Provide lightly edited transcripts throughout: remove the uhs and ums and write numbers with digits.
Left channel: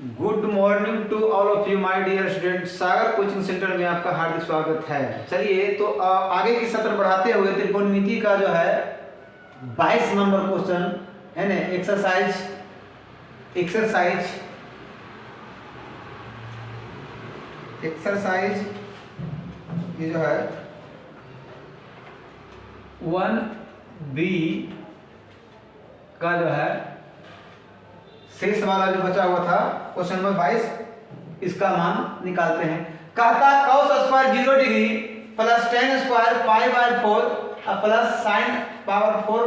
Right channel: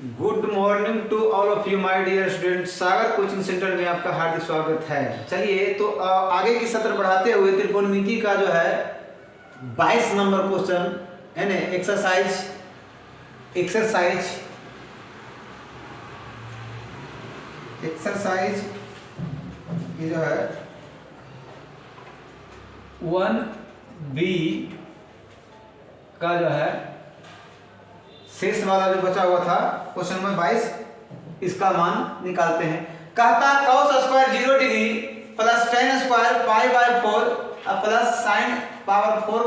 Good morning to all of you my dear student. Sagar coaching centre में आपका हार्दिक स्वागत है। चलिए तो आगे की सत्र बढ़ाते हुए त्रिकोणमिति का जो है 22 नंबर क्वेश्चन है ना, एक्सरसाइज ये जो है 1B का जो है शेष वाला जो बचा हुआ था क्वेश्चन नंबर 22, इसका मान निकालते हैं। कहता cos square 0 degree plus tan square pi by 4 plus sin power 4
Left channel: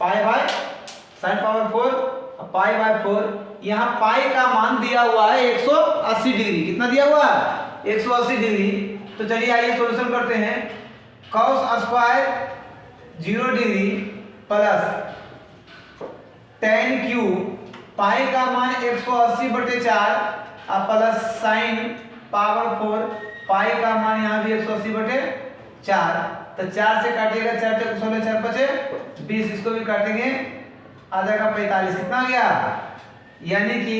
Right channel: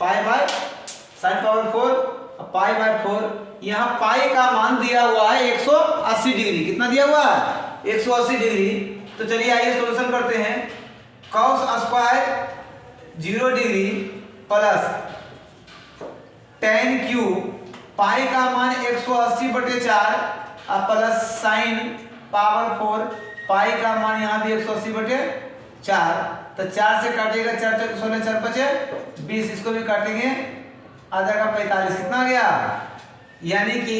pi by 4। यहाँ पाई का मान दिया हुआ है 180 डिग्री। कितना दिया हुआ है? 180 डिग्री। तो चलिए आइए सॉल्यूशन करते हैं। cos square 0 degree plus tan cube पाई का मान 180/4 प्लस साइन पावर 4 पाई का मान यहाँ भी 180/4। तो 4 से काटेगा 4 4 16 4 बचे 20, इसको भी काटेंगे आधा का 45। कितना आ गया? यानी कि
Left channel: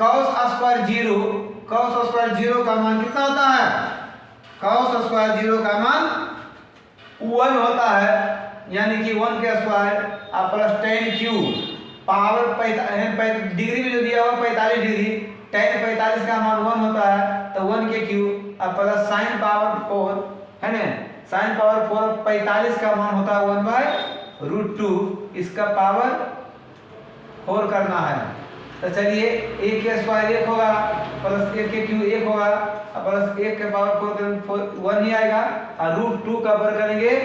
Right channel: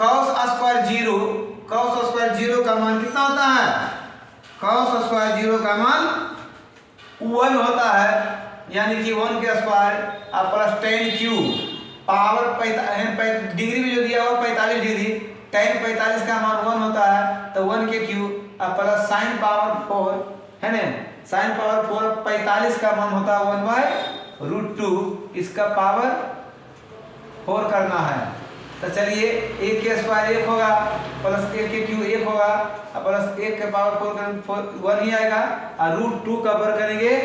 cos स्क्वायर 0 का मान कितना होता है? cos स्क्वायर 0 का मान 1 होता है, यानी कि 1 के square plus tan cube power degree में जो दिया हुआ 45 डिग्री, tan 45 का मान 1 होता है, तो 1 के क्यूब प्लस साइन पावर 4 है ना, साइन पावर 4 45 का मान होता है 1/√2, इसका पावर 4 करना है। तो चलिए 1 के स्क्वायर 1 होगा प्लस 1 के क्यूब 1 होगा प्लस 1 के पावर 4 1 ही आएगा और √2 का वर्ग करेंगे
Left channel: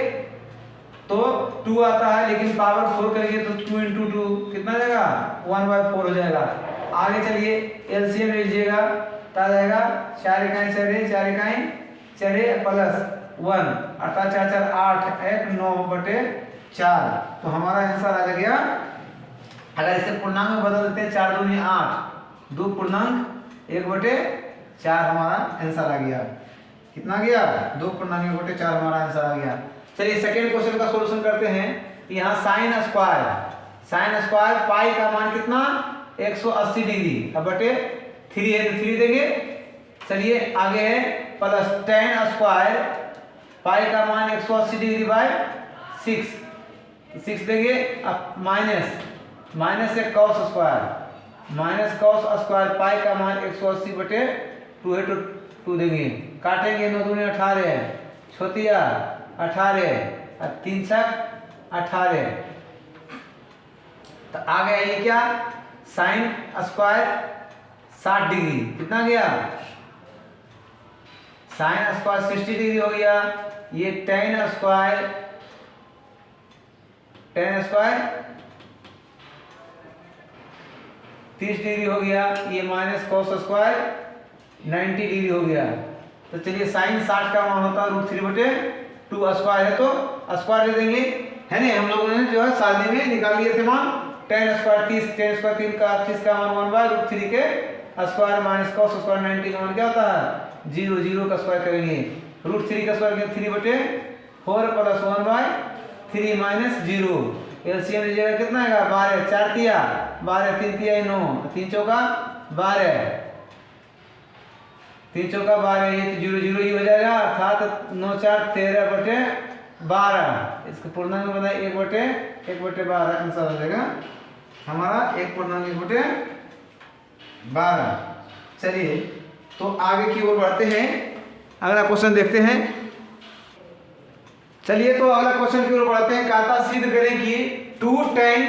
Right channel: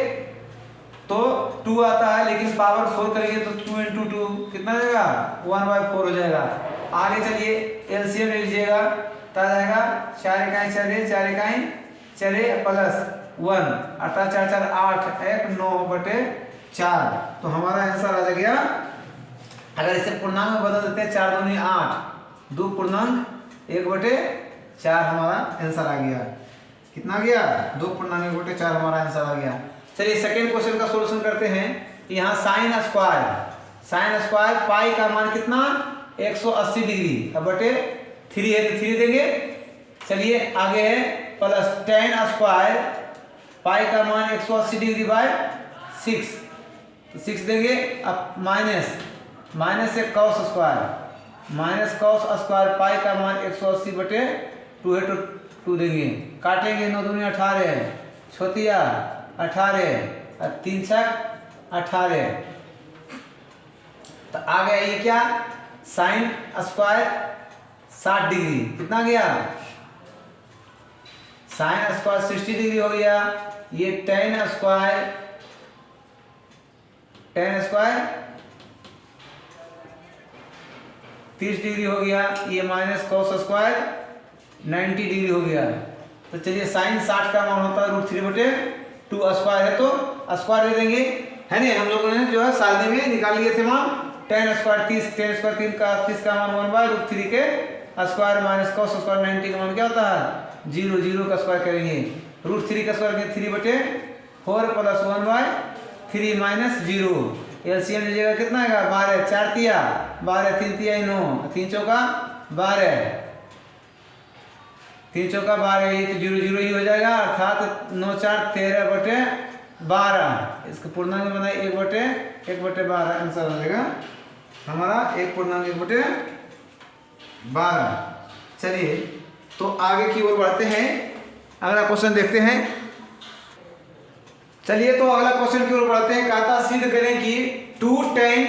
तो 2 आता है, लेकिन पावर 4 करेंगे तो 2 × 2 कितना जाएगा? 1/4 हो जाएगा। आगे चलिए एलसीएम ले लीजिएगा, तो आ जाएगा 4 इकाई 4 इकाई 4 प्लस 1 अर्थात 4 4 8 1 9/4। तो हमारा आंसर आ गया। अगर इसे पूर्णांक में बदल देते हैं 4 दूनी 8 2 पूर्णांक 1/4 हमारा आंसर आ गया। कितना गया? 2 पूर्णांक 1/4 हमारा आंसर आ गया। चलिए सेकेंड क्वेश्चन का सॉल्यूशन करते हैं। यहाँ साइन स्क्वायर पाई का मान कितना? 180 डिग्री बटे 3 है तो 3 देंगे। चलिए आगे है प्लस tan स्क्वायर पाई का मान 180 डिग्री बाय 6 तो 6 देंगे। अब माइनस से cos स्क्वायर पाई का मान 180/2 है तो 2 देंगे। काटेंगे 9 दूनी 18 छोतिया 18 और 3 छक 18। तो आ गया ये क्या? साइन स्क्वायर 60 डिग्री कितना गया? साइन स्क्वायर 60 डिग्री हो गया। ये tan स्क्वायर 30 डिग्री हो गया। ये माइनस cos स्क्वायर 90 डिग्री हो गया। तो चलिए साइन 60 का मान होता है √3/2 स्क्वायर है तो स्क्वायर दे देंगे है ना। हम लोगों ने जो है सादे में निकाल लिए थे मान। tan स्क्वायर 3 का मान 1/√3 के स्क्वायर माइनस cos स्क्वायर 90 का मान क्या होता है? 0 का स्क्वायर करेंगे √3 का स्क्वायर करेंगे 3/4 प्लस 1/3 माइनस 0। एलसीएम लीजिएगा कितना आएगा? 12 4 तिया 12 3 तिया 9 3 चौका 12 3 चौका 12, ये तो 0 0 ही हो जाएगा अर्थात 9 4 13/12। इसको पूर्णांक में बनाए 1/12 आंसर आ जाएगा हमारा 1/12। चलिए तो आगे की ओर बढ़ते हैं, अगला क्वेश्चन देखते हैं। चलिए तो अगला क्वेश्चन की ओर बढ़ते हैं। कहता सिद्ध करें कि 2 tan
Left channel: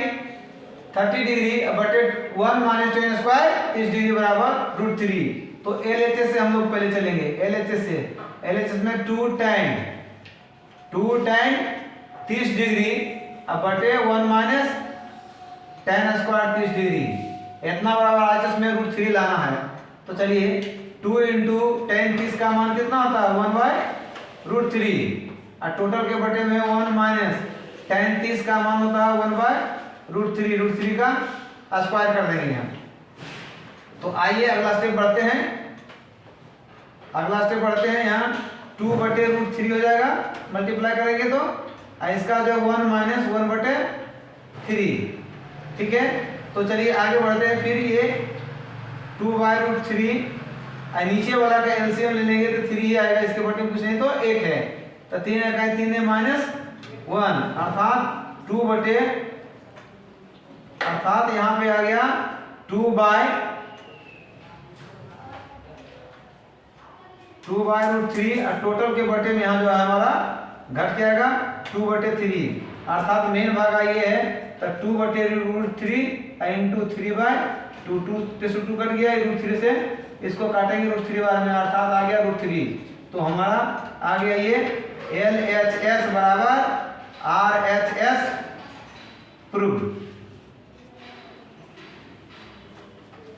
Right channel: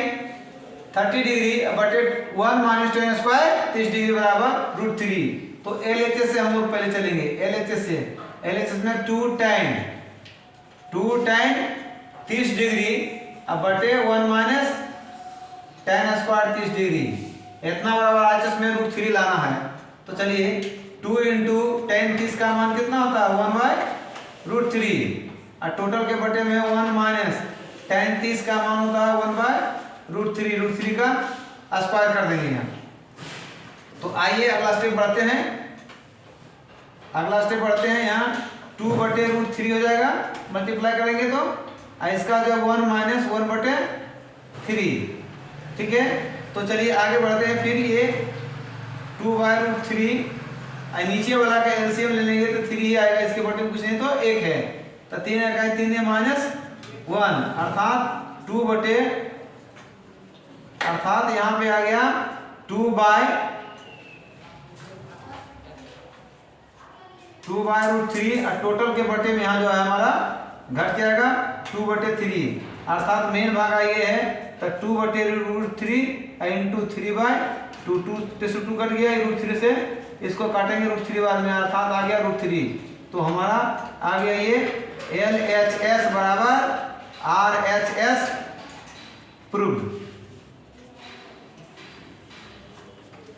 30 डिग्री बटे 1 - tan स्क्वायर 30 डिग्री बराबर √3। तो LHS से हम लोग पहले चलेंगे। LHS में 2 tan 30 डिग्री बटे 1 - tan स्क्वायर 30 डिग्री इतना बराबर LHS में √3 लाना है। तो चलिए 2 × tan 30 का मान कितना होता है? 1/√3 और टोटल के बटे में 1 - tan 30 का मान होता है 1/√3 का स्क्वायर कर देंगे यहाँ। तो आइए अगला स्टेप बढ़ते हैं। यहाँ 2/√3 हो जाएगा, मल्टीप्लाई करेंगे तो इसका जो 1 - 1/3 ठीक है। तो चलिए आगे बढ़ते हैं। फिर ये 2/√3 और नीचे वाला का एलसीएम ले लेंगे तो 3 ही आएगा, इसके बटे कुछ नहीं तो 1 है, तो 3 का 3 है -1 अर्थात यहाँ पे आ गया 2/√3 और टोटल के बटे में यहाँ जो है हमारा घट जाएगा 2/3 अर्थात मेन भाग ये है, तो 2/√3 इंटू 3/2 2 कट गया, √3 से इसको काटेंगे √3 बार में अर्थात आ गया √3। तो हमारा आ गया ये LHS बराबर RHS प्रूव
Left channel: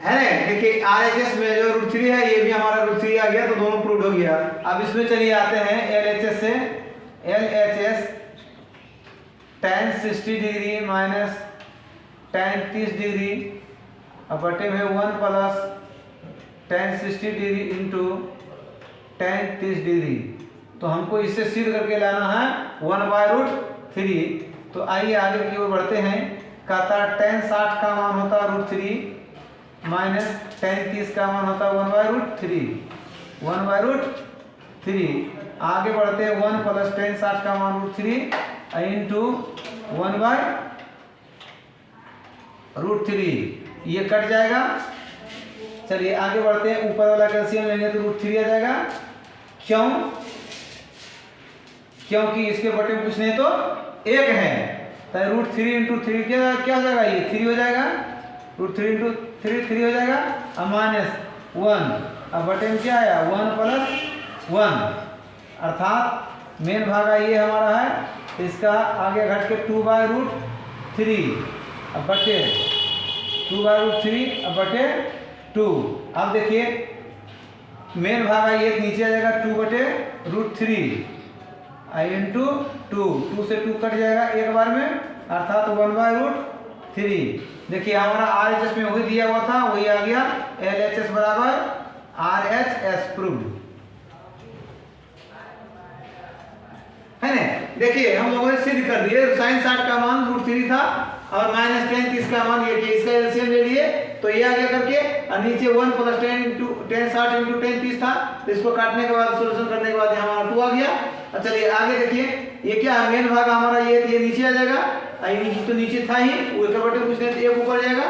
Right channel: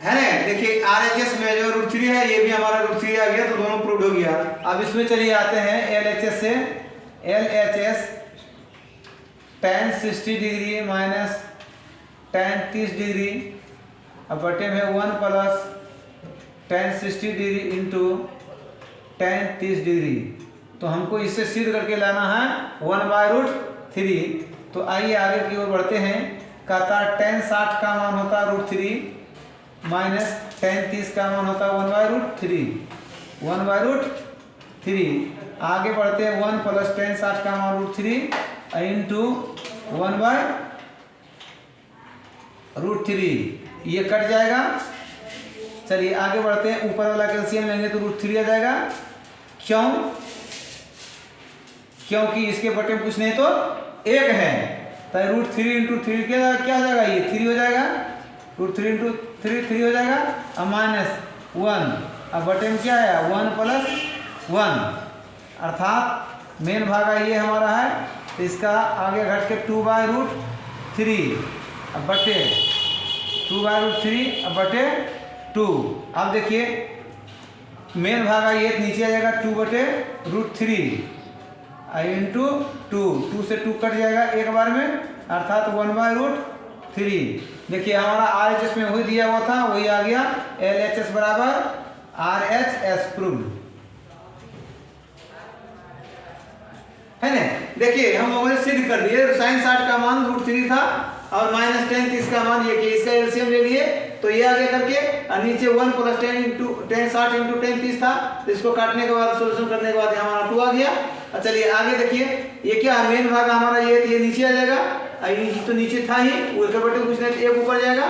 है ना। देखिए RHS में जो √3 है ये भी हमारा √3 आ गया, तो दोनों प्रूव हो गया। अब इसमें चलिए आते हैं LHS से। LHS tan 60 degree minus tan 30 degree अब बटे में 1 plus tan 60 degree into tan 30 degree. तो हमको इससे सिद्ध करके लाना है 1/√3। तो आइए आगे की ओर बढ़ते हैं। कहता tan 60 का मान होता है √3 माइनस tan 30 का मान होता है 1/√3। आगे बढ़ते हैं 1 प्लस tan 60 का मान √3 इंटू 1/√3, ये कट जाएगा। चलिए आगे बढ़ते हैं, ऊपर वाला कैल्शियम लेंगे तो √3 आ जाएगा। क्योंकि इसके बटे में कुछ नहीं तो 1 है, तो √3 इंटू 3 क्या हो जाएगा, ये 3 हो जाएगा, √3 इंटू 3 हो जाएगा और -1 अब बटे में क्या आया 1 + 1 अर्थात मेन भागा ये हमारा है, इसका आगे घट के 2/√3 अब बटे 2/√3 अब बटे 2। अब देखिए मेन भागा ये नीचे आ जाएगा 2/√3 इंटू 2 से 2 कट जाएगा एक बार में अर्थात 1/√3। देखिए हमारा RHS में वही दिया हुआ था वही आ गया, LHS बराबर RHS प्रूव्ड है ना। देखिए हम लोगों ने सिद्ध कर दिए, sin 60 का मान √3 था और माइनस tan 30 का मान ये कि इसका एलसीएम ले लिए तो ये आगे करके और नीचे 1 + tan 60 इंटू tan 30 था, तो इसको काटने के बाद सॉल्यूशन करने के बाद हमारा 2 आ गया। और चलिए आगे देखिए ये क्या है, मेन भाग हमारा ये नीचे आ जाएगा, ये तो नीचे था ही वो एक बटे कुछ नहीं तो 1 ऊपर जाएगा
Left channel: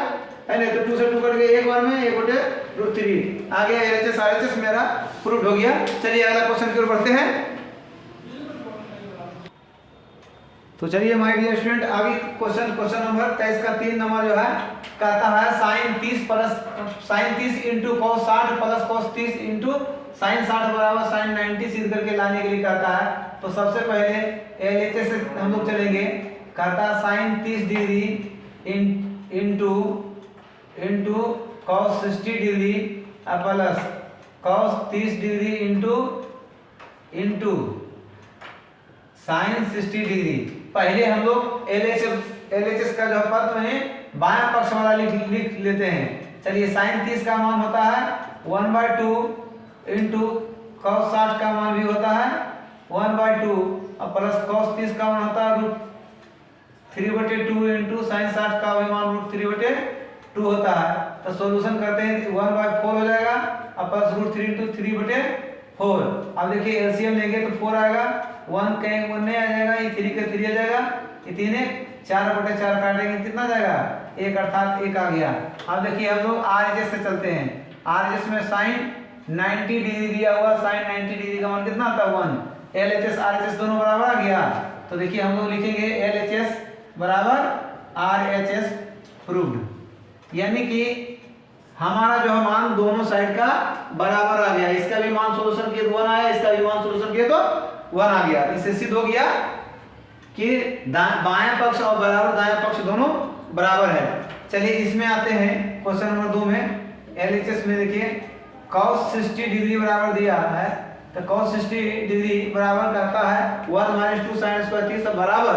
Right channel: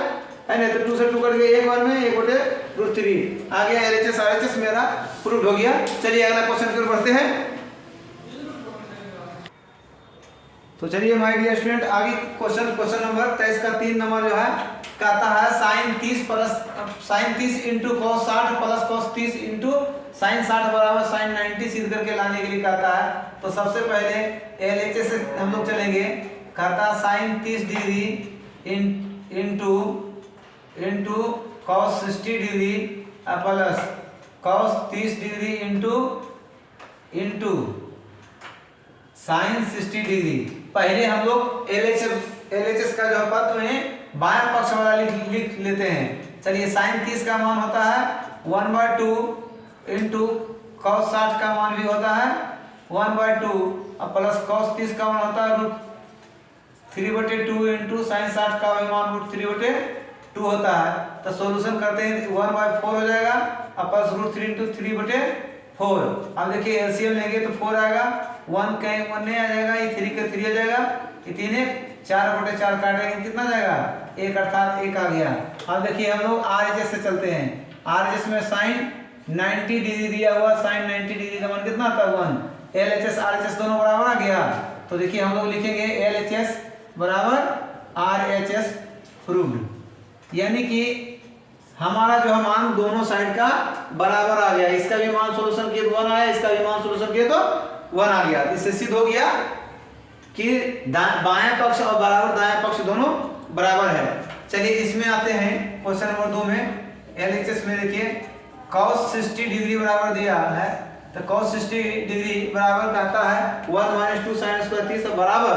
है ना, तो 2 से 2 कट गया एक बार में 1/√3 आ गया। LHS RHS मेरा प्रूव्ड हो गया। चलिए अगला क्वेश्चन की ओर बढ़ते हैं। तो चलिए माय डियर स्टूडेंट आगे क्वेश्चन नंबर 23 का 3 नंबर जो है कहता है sin 30 into cos 60 plus cos 30 into sin 60 बराबर sin 90 सिद्ध करके लाने के लिए कहता है। तो सबसे पहले LHS से हम लोग चलेंगे। कहता है sin 30 degree into cos 60 degree plus cos 30 degree into sin 60 degree. पहले हम लोग LHS का जो पद में बायां पक्ष वाला लिख लेते हैं। चलिए sin 30 का मान होता है 1/2 इंटू cos 60 का मान भी होता है 1/2 और प्लस cos 30 का मान होता है √3/2 इंटू sin 60 का मान √3/2 होता है। तो सॉल्यूशन करते हैं 1/4 हो जाएगा और प्लस √3 इंटू 3/4। अब देखिए एलसीएम लेंगे तो 4 आएगा, 1 नहीं आ जाएगा, ये 3 का 3 आ जाएगा, ये 3 4/4 काटेंगे कितना जाएगा 1 अर्थात 1 आ गया। अब देखिए हम लोग RHS से चलते हैं। RHS में sin 90 डिग्री दिया हुआ, sin 90 डिग्री का मान कितना आता है 1। LHS RHS दोनों बराबर आ गया, तो देखिए हम लोग लिखेंगे LHS बराबर RHS प्रूव्ड, यानी कि हमारा जो मान दोनों साइड का बराबर आ गया। इसका भी मान सॉल्यूशन किए तो 1 आया, इसका भी मान सॉल्यूशन किए तो 1 आ गया। इससे सिद्ध हो गया कि बायां पक्ष और बराबर दायां पक्ष दोनों बराबर है। चलिए इसमें आते हैं क्वेश्चन नंबर 2 में। LHS में देखिए cos 60 डिग्री बराबर दिया है, तो cos 60 डिग्री बराबर कहता है 1 - 2 sin स्क्वायर 30 बराबर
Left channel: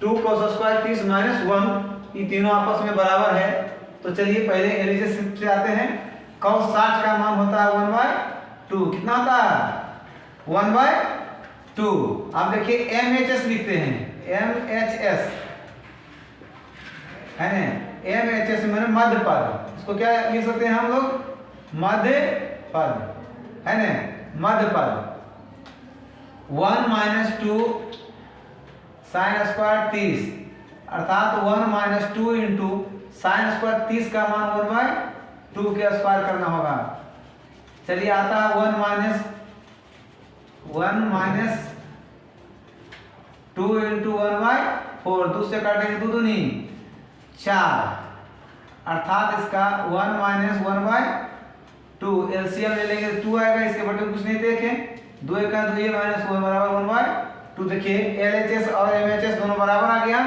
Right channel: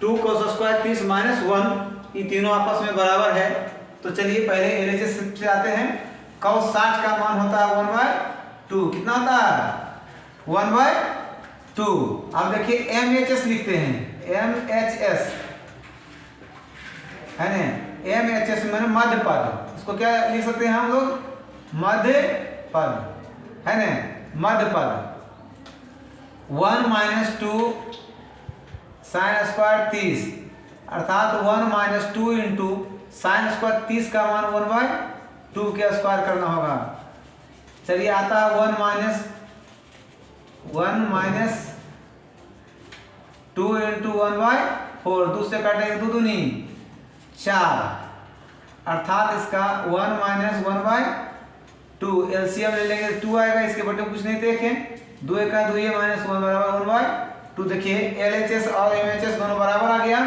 2 cos स्क्वायर 30 - 1, ये तीनों आपस में बराबर है। तो चलिए पहले LHS से आते हैं। cos 60 का मान होता है 1/2, कितना होता है 1/2। अब देखिए MHS लिखते हैं, MHS है ना, MHS मैंने मध्य पद, इसको क्या लिख सकते हैं हम लोग, मध्य पद, है ना, मध्य पद। 1 माइनस 2 साइन स्क्वायर 30, अर्थात 1 माइनस 2 इंटू साइन स्क्वायर 30 का मान 1/2 के स्क्वायर करना होगा। चलिए आता है 1 माइनस 2 इंटू 1/4, दूसरे काटेंगे 2 दूनी 4, अर्थात इसका 1 माइनस 1/2, एलसीएम ले लेंगे 2 आएगा, इसके बटे कुछ नहीं देखें, 2 का 2 माइनस 1 बराबर 1/2। देखिए एलएचएस और एमएचएस दोनों बराबर आ गया।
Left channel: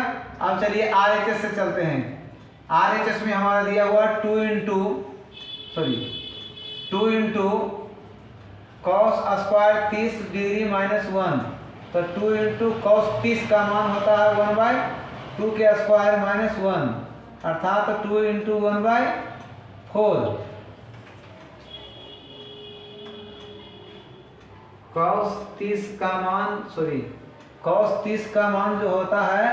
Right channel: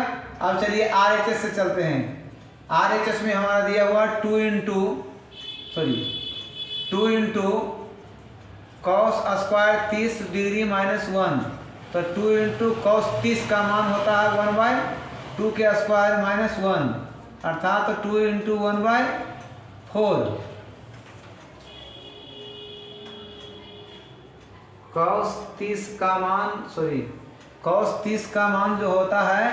अब चलिए आरएचएस से चलते हैं। आरएचएस में हमारा दिया हुआ 2 into cos square 30 degree minus 1, तो 2 इंटू कॉस 30 का मान होता है 1/2 के स्क्वायर माइनस 1, अर्थात 2 इंटू 1/4। कॉस 30 का मान जो होता है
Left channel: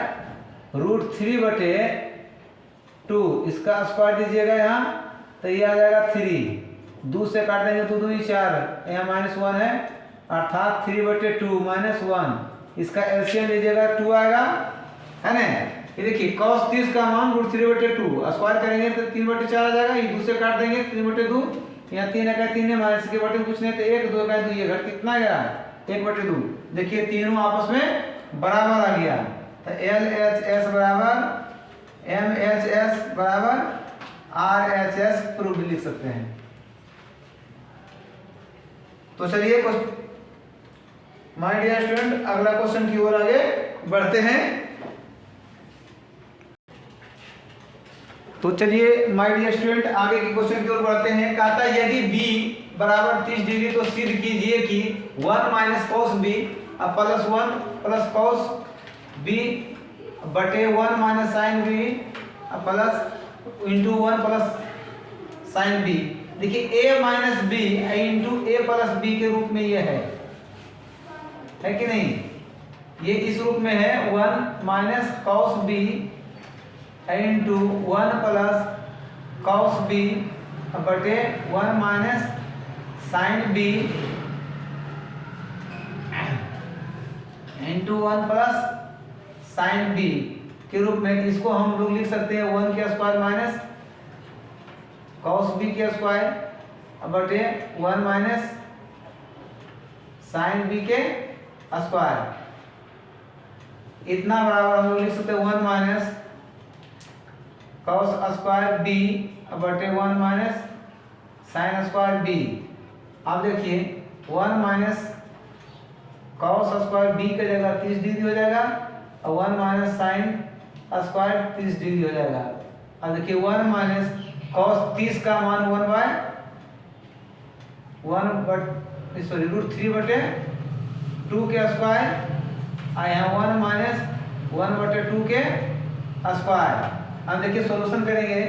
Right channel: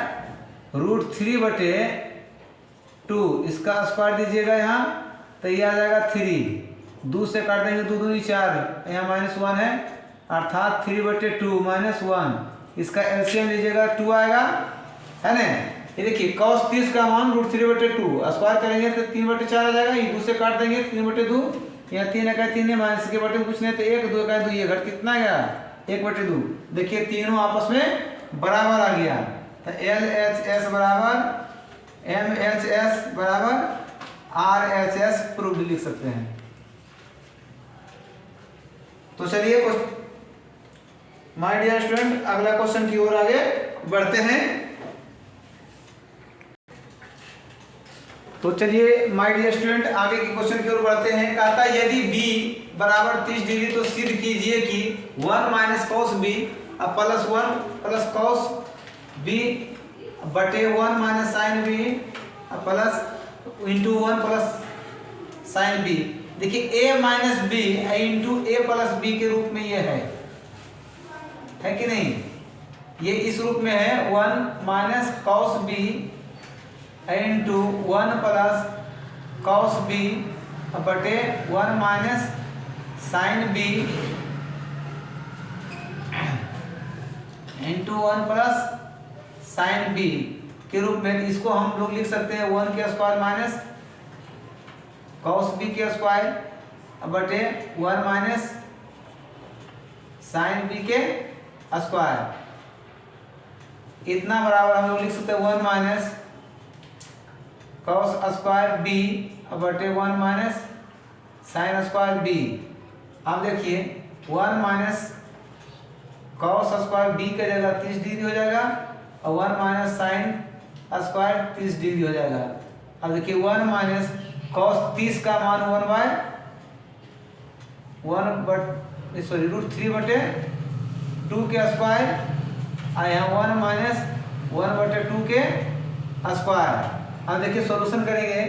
√3/2, इसका स्क्वायर दीजिएगा यहाँ तो ये आ जाएगा 3, 2 से काटेंगे 2 दूनी 4, यहाँ -1 है, अर्थात 3/2 माइनस 1, इसका एलसीएम लीजिएगा 2 आएगा, है ना। ये देखिए cos 30 का मान √3/2, स्क्वायर करेंगे तो 3/4 आ जाएगा, ये 2 से काट देंगे 3/2, यहाँ 3 का 3 है, माइनस के बटे कुछ नहीं तो 1, 2 का 2, ये घट कितना गया 1/2। देखिए तीनों आपस में बराबर आ गया, तो LHS बराबर MHS बराबर RHS प्रूफ भी लिख सकते हैं। तो चलिए माय डियर स्टूडेंट अगला क्वेश्चन की ओर आगे बढ़ते हैं। तो चलिए माय डियर स्टूडेंट आगे के क्वेश्चन की ओर बढ़ते हैं। कहता है यदि b बराबर 30 डिग्री तो सिद्ध कीजिए कि 1 minus cos b plus 1 plus cos b बटे 1 minus sine b plus into 1 plus sine b। देखिए a minus b into a plus b के रूप में ये है कि नहीं, ये इस रूप में है 1 minus cos b into 1 plus cos b बटे 1 minus sine b into 1 plus sine b के रूप में। इसको हम लोग लिख सकते हैं 1 के स्क्वायर माइनस कॉस b के स्क्वायर बटे 1 माइनस साइन b के स्क्वायर, इतना बराबर हम लोग लिख सकते हैं 1 माइनस कॉस स्क्वायर b बटे 1 माइनस साइन स्क्वायर b। अब देखिए 1 माइनस कॉस स्क्वायर b का जगह 30 डिग्री हो जाएगा और 1 माइनस साइन स्क्वायर 30 डिग्री हो जाएगा। अब देखिए 1 माइनस कॉस 30 का मान √3/2 के स्क्वायर और यहाँ 1 माइनस 1/2 के स्क्वायर। अब देखिए सॉल्यूशन करेंगे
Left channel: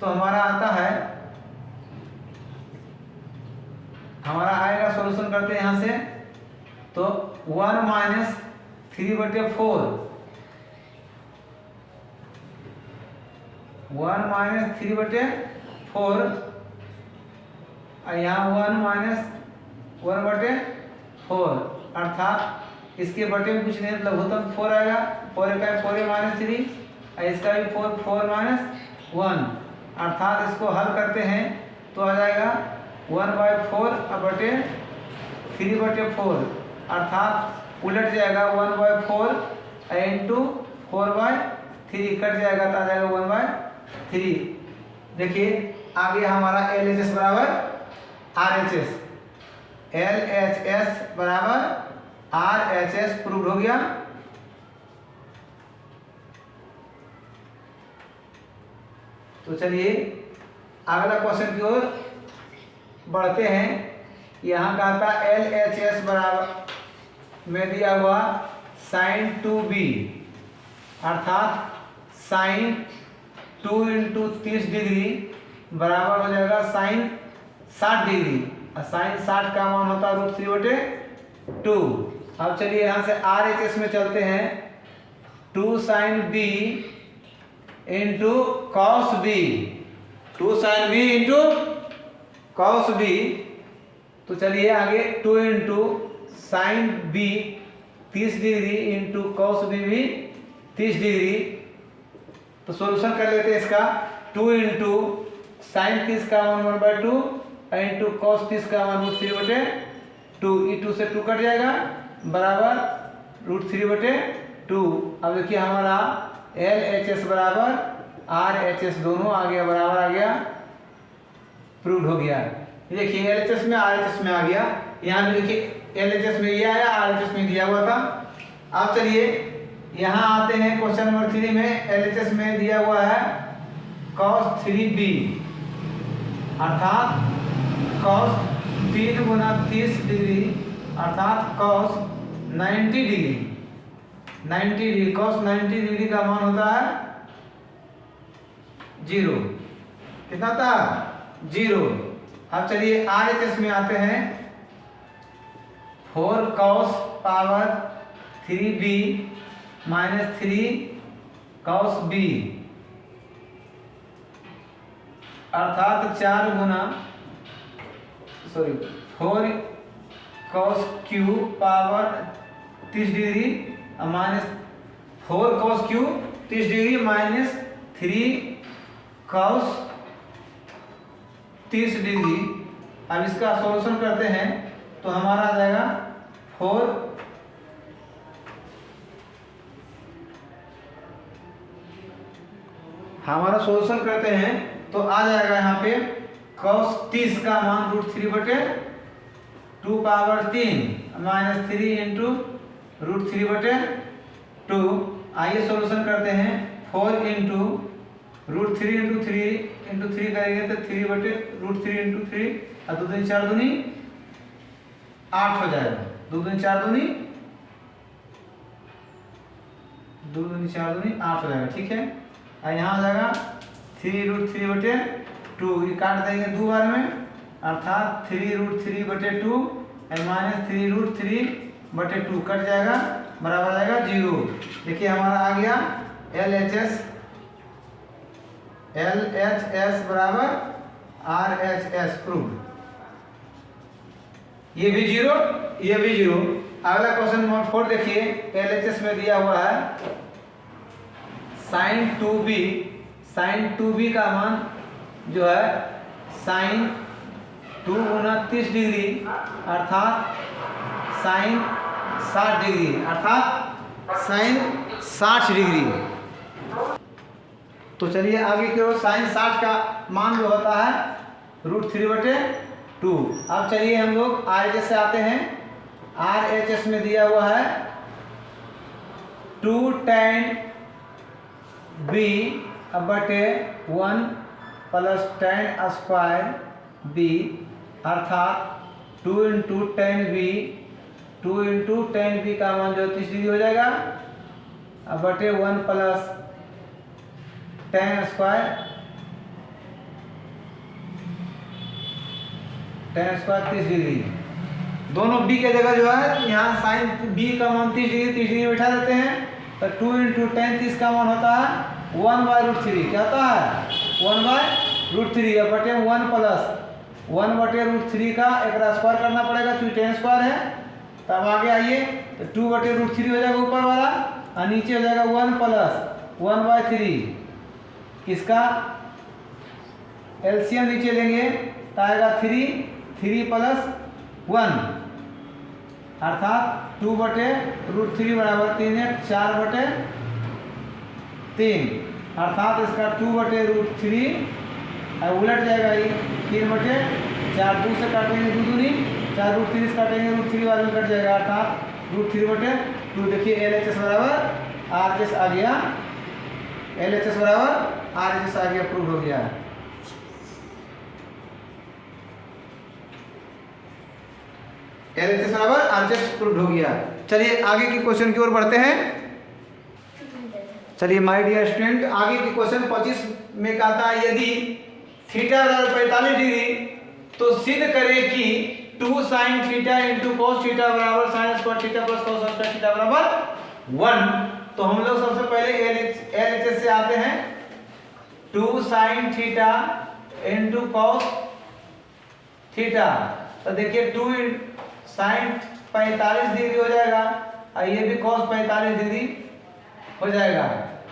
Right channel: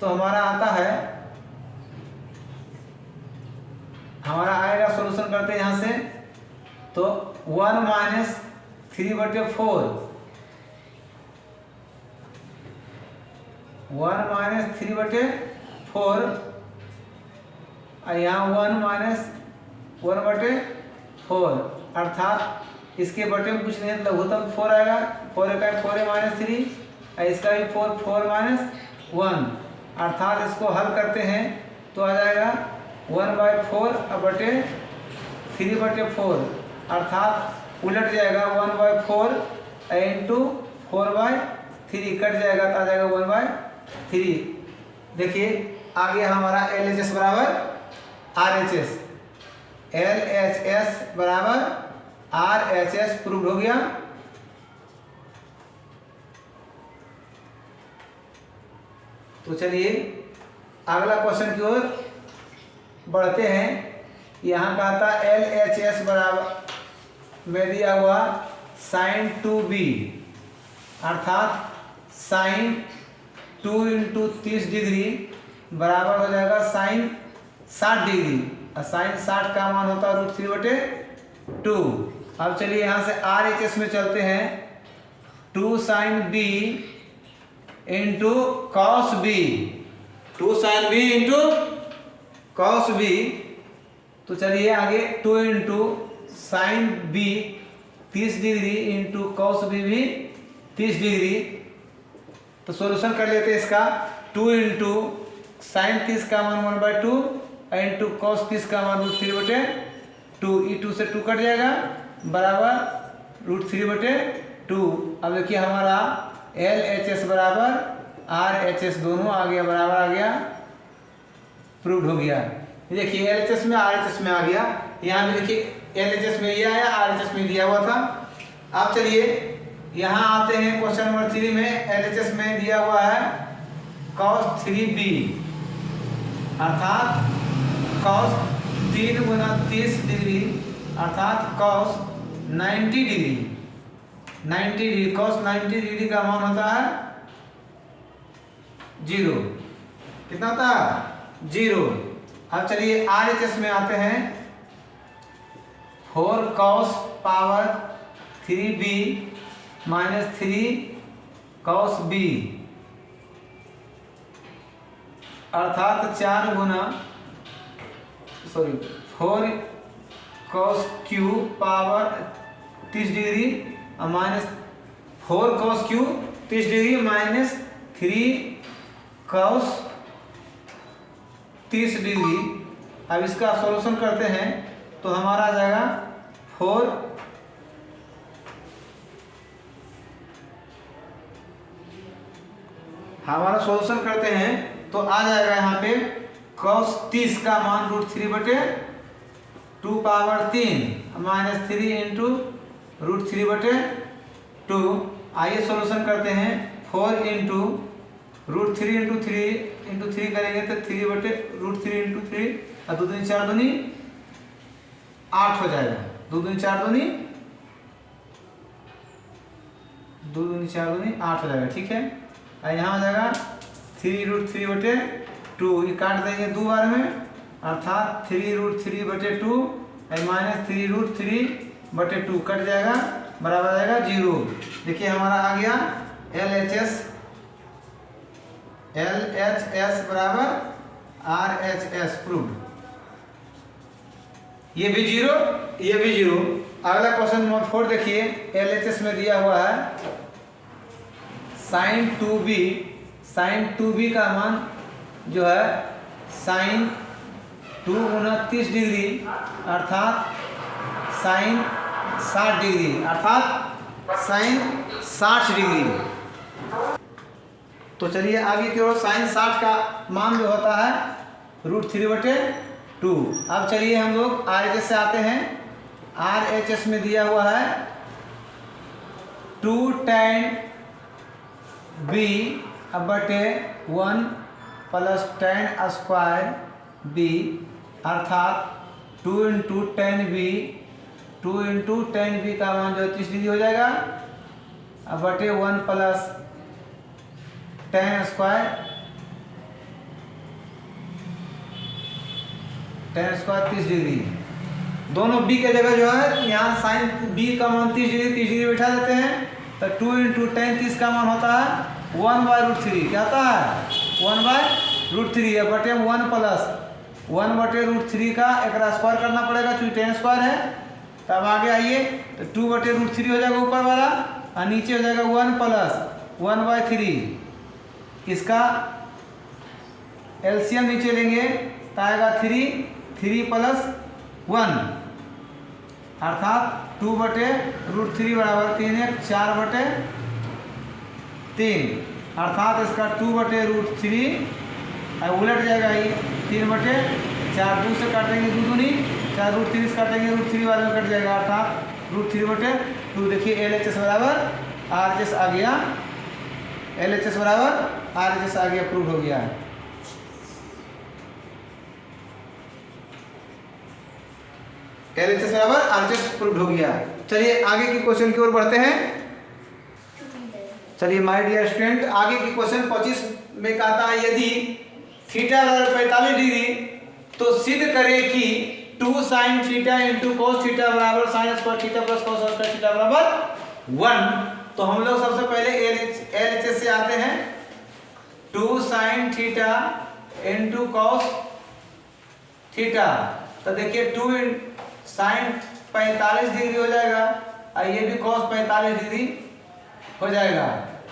तो हमारा आता है, हमारा आएगा सॉल्यूशन करते हैं यहाँ से तो 1 माइनस 3/4, 1 माइनस 3/4 और यहाँ 1 माइनस 1/4, अर्थात इसके बटे में कुछ नहीं लघुत्तम 4 आएगा, 4 का 4 माइनस 3 और इसका भी 4 माइनस 1, अर्थात इसको हल करते हैं तो आ जाएगा 1/4 बटे 3/4, अर्थात उलट जाएगा 1/4 इंटू 4/3 कट जाएगा तो आ जाएगा 1/3। देखिए आगे हमारा LHS बराबर RHS, LHS बराबर RHS प्रूव हो गया। तो चलिए अगला क्वेश्चन की ओर बढ़ते हैं। यहाँ कहता LHS बराबर में दिया हुआ साइन 2b, अर्थात साइन 2 इंटू 30 डिग्री बराबर हो जाएगा साइन 60 डिग्री और साइन 60 का मान होता है √3/2। अब चलिए यहाँ से RHS में चलते हैं, 2 sine b into cos b 2 sin b into cos b। तो चलिए आगे 2 into sine b 30 degree into cos b भी 30 डिग्री। तो सॉल्यूशन कर लेते हैं इसका। 2 इंटू साइन 30 का मान 1/2 इंटू cos 30 का मान √3/2। ई 2 से 2 कट जाएगा बराबर √3/2। अब देखिए हमारा LHS बराबर RHS दोनों आ गया, बराबर आ गया, प्रूव हो गया। देखिए LHS में RHS में आ गया। यहाँ भी देखिए LHS में ये आया, RHS में दिया हुआ था। अब चलिए यहाँ आते हैं क्वेश्चन नंबर 3 में। LHS में दिया हुआ है cos 3b अर्थात cos 3 गुना 30 डिग्री अर्थात cos 90 degree. 90 degree cos 90 degree का मान होता है 0। कितना होता है 0। अब चलिए RHS में आते हैं। 4 cos power 3b minus 3 cos b अर्थात 4 गुना 4 cos q power 30 degree minus 4 cos q 30 degree minus 3 cos 30 degree. अब इसका सॉल्यूशन करते हैं तो हमारा आ जाएगा 4 हमारा सॉल्यूशन करते हैं तो आ जाएगा यहाँ पे cos 30 का मान √3/2 पावर 3 माइनस 3 इंटू √3/2। आइए सॉल्यूशन करते हैं। 4 इंटू √3 इंटू 3 करेंगे तो 3/√3 इंटू 3 और 2 दूनी 4 दूनी 8 हो जाएगा। 2 दूनी 4 दूनी 2 दूनी 4 दूनी 8 हो जाएगा। ठीक है, और यहाँ हो जाएगा 3√3/2। ये काट देंगे 2 बार में अर्थात 3√3/2 माइनस 3√3/2 कट जाएगा, बराबर आ जाएगा 0। देखिए हमारा आ गया LHS बराबर RHS प्रूव। ये भी 0, ये भी 0। अगला क्वेश्चन नंबर 4 देखिए। LHS में दिया हुआ है sin 2b का मान जो है sin 2 गुना 30 डिग्री अर्थात sin 60 डिग्री अर्थात sin 60 डिग्री। तो चलिए आगे की ओर sin 60 का मान जो होता है √3/2। अब चलिए हम लोग RHS से आते हैं। RHS में दिया हुआ है 2 tan b/1 plus tan square b अर्थात 2 इंटू tan b का मान जो 30 डिग्री हो जाएगा बटे 1 प्लस tan स्क्वायर 30 डिग्री। दोनों b के जगह जो है यहाँ साइन b का मान 30 डिग्री बैठा देते हैं। तो 2 इंटू tan 30 का मान होता है 1/√3। क्या होता है 1/√3 या बटे 1 प्लस 1/√3 का एक स्क्वायर करना पड़ेगा क्योंकि tan स्क्वायर है। तब आगे आइए तो 2/√3 हो जाएगा ऊपर वाला और नीचे हो जाएगा 1 प्लस 1/3। इसका एलसीएम नीचे लेंगे तो आएगा 3 प्लस 1 अर्थात 2/√3 बराबर 3 4/3 अर्थात इसका 2/√3 उलट जाएगा। ये 3/4 2 से काटेंगे 2 दूनी 4 √3 से काटेंगे √3 वाले में कट जाएगा अर्थात √3/2। देखिए LHS बराबर RHS आ गया। LHS बराबर RHS आ गया, प्रूव हो गया है। LHS बराबर RHS प्रूव हो गया है। चलिए आगे के क्वेश्चन की ओर बढ़ते हैं। चलिए माय डियर स्टूडेंट, आगे के क्वेश्चन 25 में कहता है यदि थीटा बराबर 45 डिग्री तो सिद्ध करें कि 2 sin theta into cos theta बराबर sin square theta plus cos square theta बराबर 1। तो हम लोग सबसे पहले LHS से आते हैं। 2 sin theta into cos theta. तो देखिए 2 साइन 45 डिग्री हो जाएगा और ये भी कॉस 45 डिग्री हो जाएगा,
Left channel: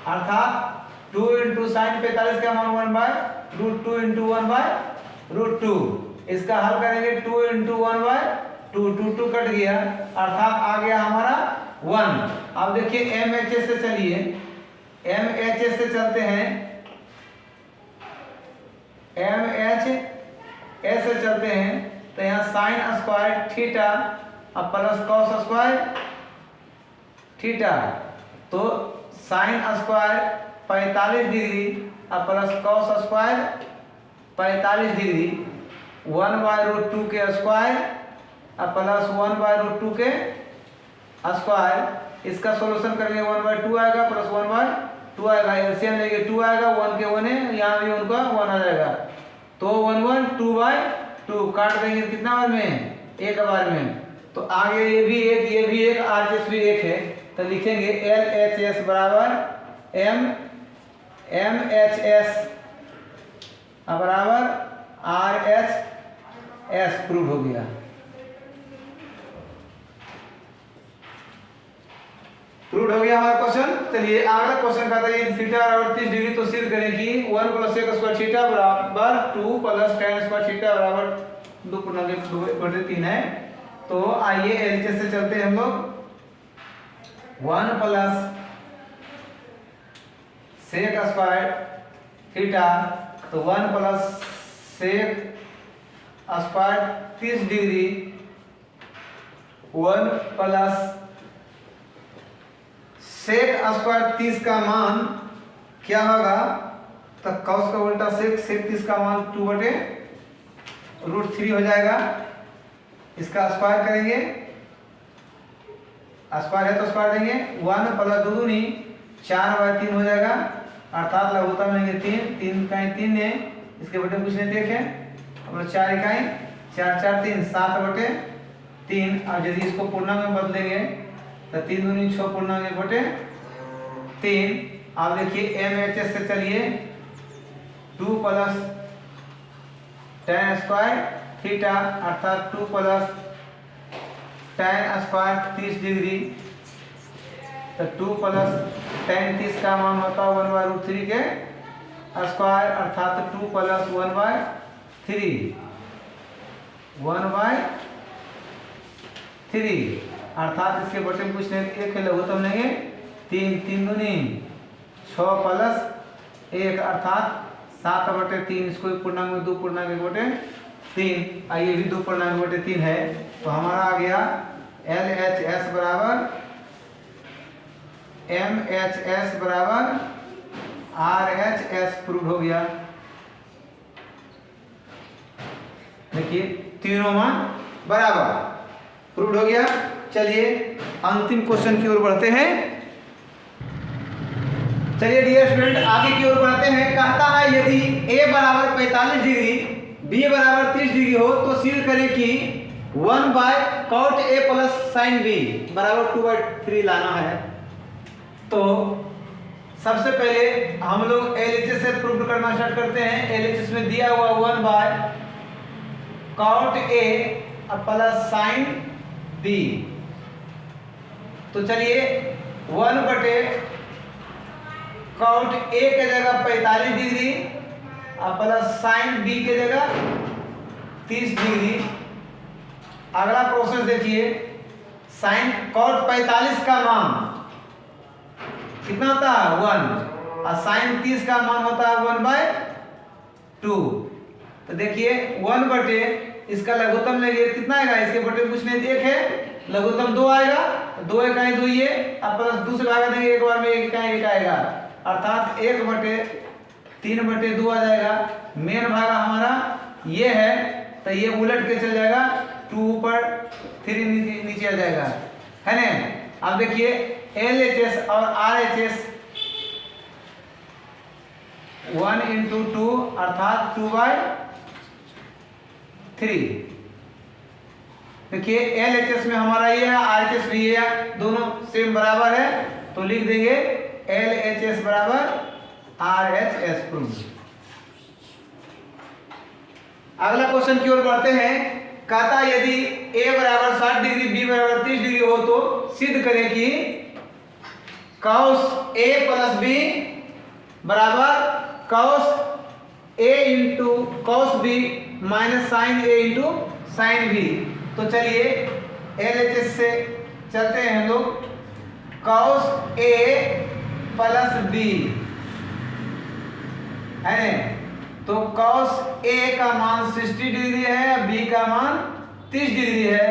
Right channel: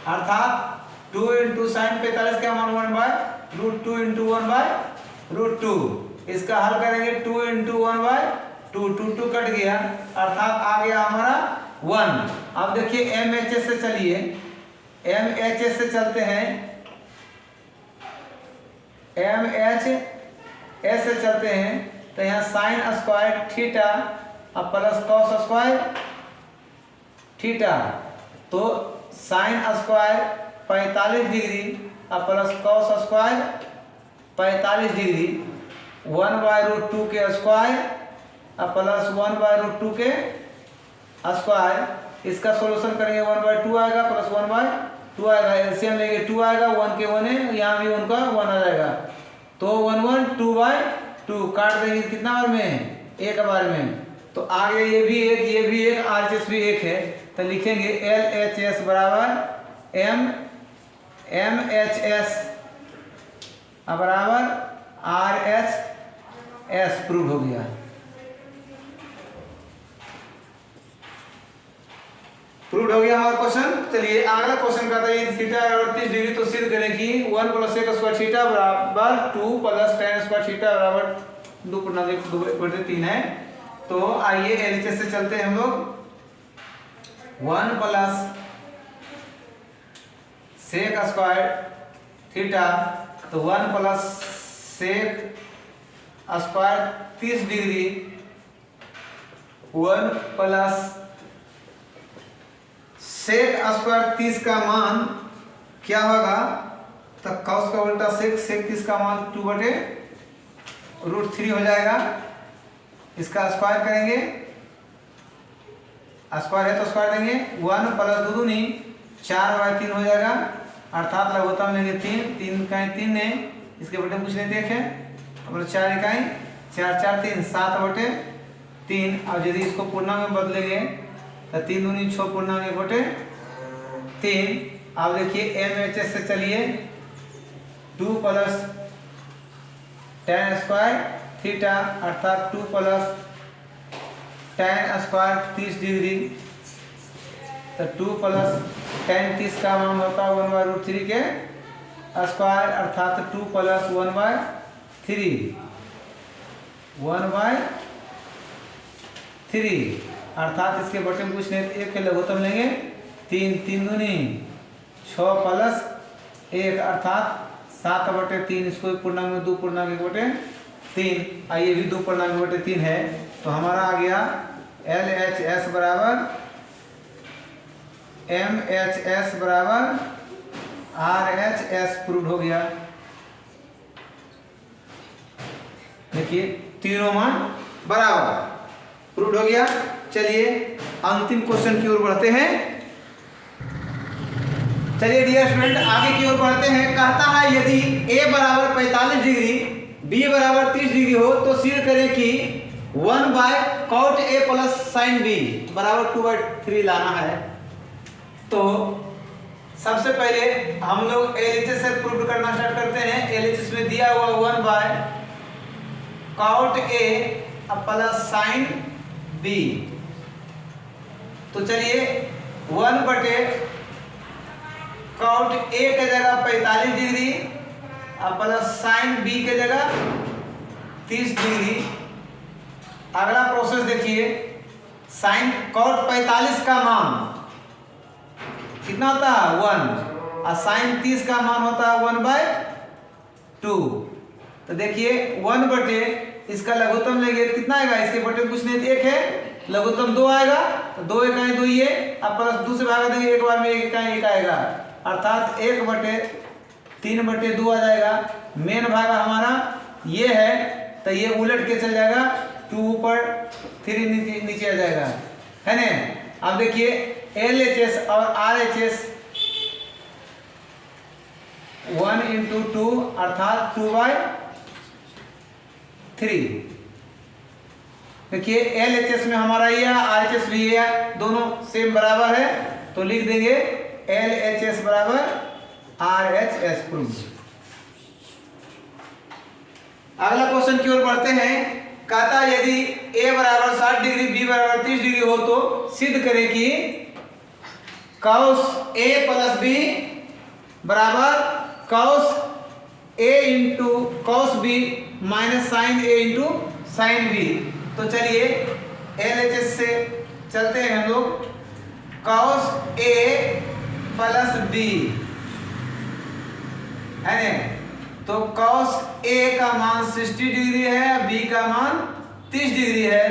अर्थात 2 इंटू साइन 45 का मान 1/√2 इंटू 1/√2। इसका हल करेंगे 2 इंटू 1/2, 2 कट गया, अर्थात आ गया हमारा 1। अब देखिए MHS से चलिए, MHS से चलते हैं, MHS से चलते हैं तो यहाँ साइन स्क्वायर थीटा और प्लस कॉस स्क्वायर थीटा। तो साइन स्क्वायर 45 डिग्री और प्लस कॉस स्क्वायर 45 डिग्री, 1/√2 के स्क्वायर और प्लस 1/√2 के स्क्वायर। इसका सॉल्यूशन करेंगे 1/2 आएगा प्लस 1/2 आएगा, एलसीएम लेंगे 2 आएगा, 1 के 1 है, यहाँ भी उनका 1 आ जाएगा। तो 1 1 2/2 काट देंगे कितना बार में, एक बार में। तो आगे ये भी एक RHS भी एक है, तो लिखेंगे LHS बराबर MHS बराबर RHS, प्रूव हो गया। प्रूव हो गया हमारा क्वेश्चन। चलिए अगला क्वेश्चन बताइए, थीटा बराबर 30 डिग्री, तो सिद्ध करें कि 1 + sec स्क्वायर थीटा बराबर 2 + tan स्क्वायर थीटा बराबर 2/3 है। तो आइए एलएचएस से चलते हैं हम लोग। 1 + sec स्क्वायर थीटा, तो 1 + sec square 30 degree, 1 + sec square 30 का मान क्या होगा, तो cos का उल्टा sec 30 का मान 2/√3 हो जाएगा। इसका स्क्वायर करेंगे, स्क्वायर है तो स्क्वायर देंगे, 1 + 2 दूनी 4/3 हो जाएगा, अर्थात लघुत्तम लेंगे 3 इकाई 3 ने इसके बटे कुछ नहीं देखे, तो 4 इकाई 4 4 3 7/3। अब यदि इसको पूर्णांक में बदलेंगे तो 3 दूनी 6 पूर्णांक 1/3। अब देखिए MHS से चलिए, 2 + tan स्क्वायर थीटा अर्थात 2 + tan स्क्वायर 30 डिग्री, तो 2 + tan 30 का मान होता है 1/√3 के स्क्वायर, अर्थात 2 + 1/3 अर्थात इसके बटे में कुछ नहीं, एक है लघुत्तम लेंगे 3 दूनी 6 + 1 अर्थात 7/3। इसको पूर्णांक में 2 पूर्णांक 1/3, आइए भी 2 पूर्णांक 1/3 है। तो हमारा आ गया LHS बराबर MHS बराबर RHS, प्रूव हो गया। देखिए तीनों मान बराबर, प्रूव हो गया। चलिए अंतिम क्वेश्चन की ओर बढ़ते हैं। चलिए डियर स्टूडेंट आगे की ओर बढ़ते हैं। कहता है यदि a बराबर 45 डिग्री, b बराबर 30 डिग्री हो तो सिद्ध करें कि 1/cot a + sin b बराबर 2/3 लाना है। तो सबसे पहले हम लोग एलएचएस से प्रूव करना स्टार्ट करते हैं। एलएचएस में दिया हुआ 1/cot a + sin b, तो चलिए 1/cot a के जगह 45 डिग्री प्लस sin b के जगह 30 डिग्री। अगला प्रोसेस देखिए, sin cot 45 का मान कितना होता है 1 और sin 30 का मान होता है 1/2। तो देखिए 1/, इसका लघुत्तम लेंगे कितना आएगा, इसके बटे कुछ नहीं, 1 है, लघुत्तम 2 आएगा, तो 2 इकाई 2 ये, अब प्लस दूसरे भाग देंगे एक बार में 1 इकाई 1 आएगा, अर्थात 1/3/2 आ जाएगा। मेन भाग हमारा ये है, तो ये उलट के चल जाएगा, 2 ऊपर 3 नीचे आ जाएगा, है ना। अब देखिए LHS और RHS 1 × 2 अर्थात 2/3। देखिए LHS में हमारा ये है, RHS भी है, दोनों सेम बराबर है, तो लिख देंगे LHS बराबर RHS प्रूफ। अगला क्वेश्चन की ओर बढ़ते हैं। कहता यदि a बराबर 60 डिग्री b बराबर 30 डिग्री हो तो सिद्ध करें कि cos a प्लस b बराबर cos a into cos b minus sine a into sine b। तो चलिए LHS से चलते हैं हम लोग। cos a प्लस b है ना, तो cos a का मान 60 डिग्री है, b का मान 30 डिग्री है,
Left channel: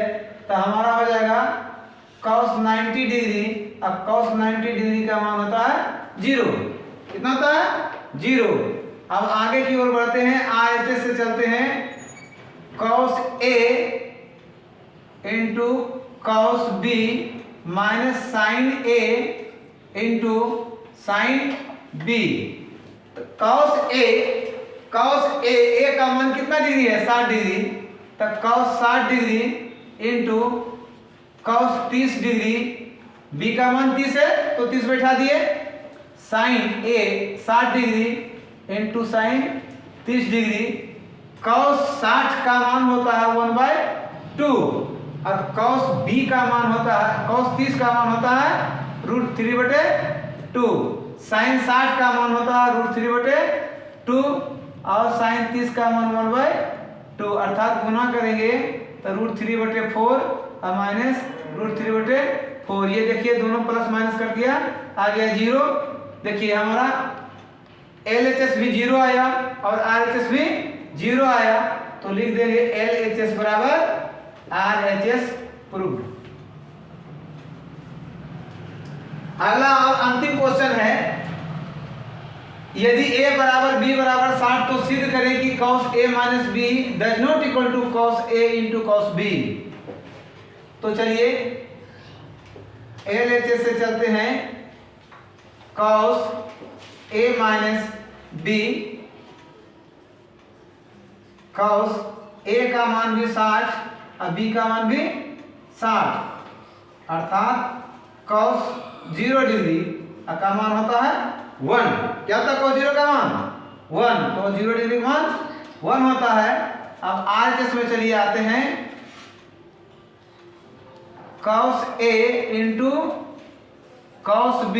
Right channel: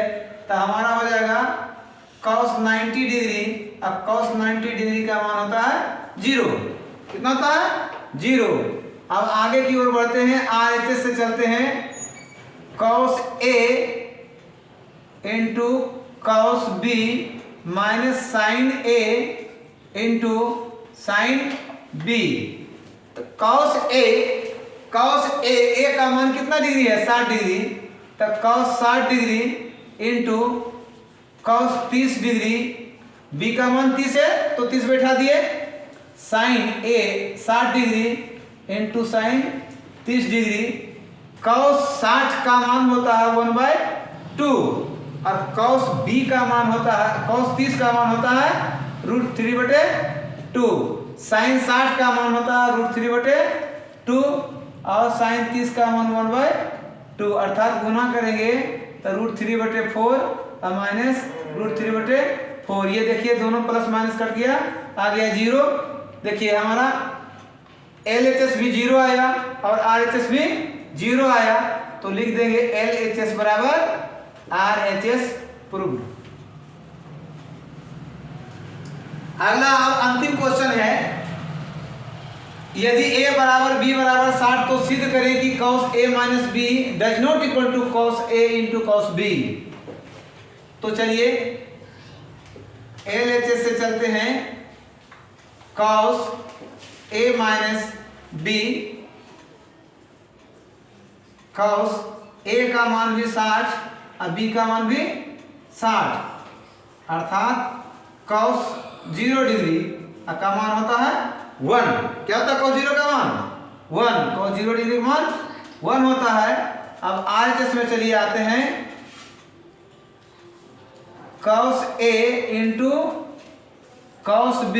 तो हमारा हो जाएगा cos 90 डिग्री। अब cos 90 डिग्री का मान होता है 0। कितना होता है 0। अब आगे की ओर बढ़ते हैं, RHS से चलते हैं। cos a into cos b minus sine a into sine b। तो cos a का मान कितना डिग्री है 60 डिग्री, तो cos 60 degree into cos 30 degree, b का मान 30 है तो 30 बैठा दिए, sine a 60 degree into sine 30 degree. cos 60 का मान होता है 1/2 और cos b का मान होता है, cos 30 का मान होता है √3/2। साइन 60 का मान होता है √3/2 और साइन 30 का मान 1/2, अर्थात गुना करेंगे तो √3/4 और माइनस √3/4। ये देखिए दोनों प्लस माइनस कट गया, आ गया 0। देखिए हमारा LHS भी 0 आया और RHS भी 0 आया, तो लिख देंगे LHS बराबर RHS प्रूव्ड। अगला और अंतिम क्वेश्चन है, यदि a बराबर b बराबर 60 तो सिद्ध करें कि cos a minus b does not equal to cos a into cos b। तो चलिए LHS से चलते हैं। cos a minus b, cos a का मान भी 60 और b का मान भी 60, अर्थात cos 0 डिग्री का मान होता है 1। क्या होता है cos 0 का मान 1, cos 0 डिग्री का मान 1 होता है। अब RHS में चलिए आते हैं। cos a into cos b,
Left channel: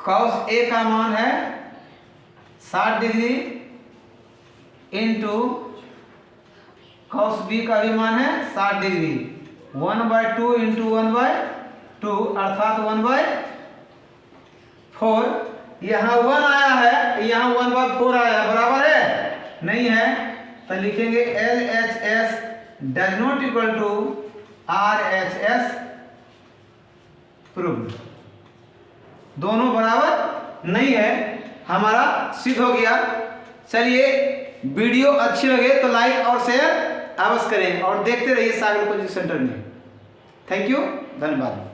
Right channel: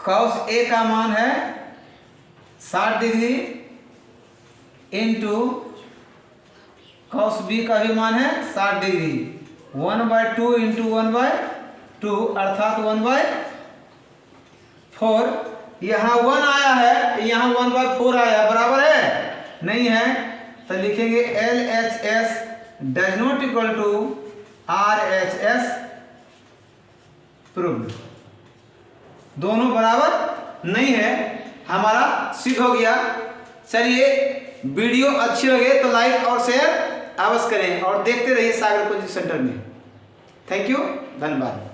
cos a का मान है 60 डिग्री इंटू cos b का भी मान है 60 डिग्री, 1/2 इंटू 1/2 अर्थात 1/4। यहाँ 1 आया है, यहाँ 1/4 आया, बराबर है नहीं है, तो लिखेंगे LHS does not equal to RHS proved. दोनों बराबर नहीं है, हमारा सिद्ध हो गया। चलिए वीडियो अच्छी लगे तो लाइक और शेयर अवश्य करें और देखते रहिए सागर कोचिंग सेंटर में। थैंक यू, धन्यवाद।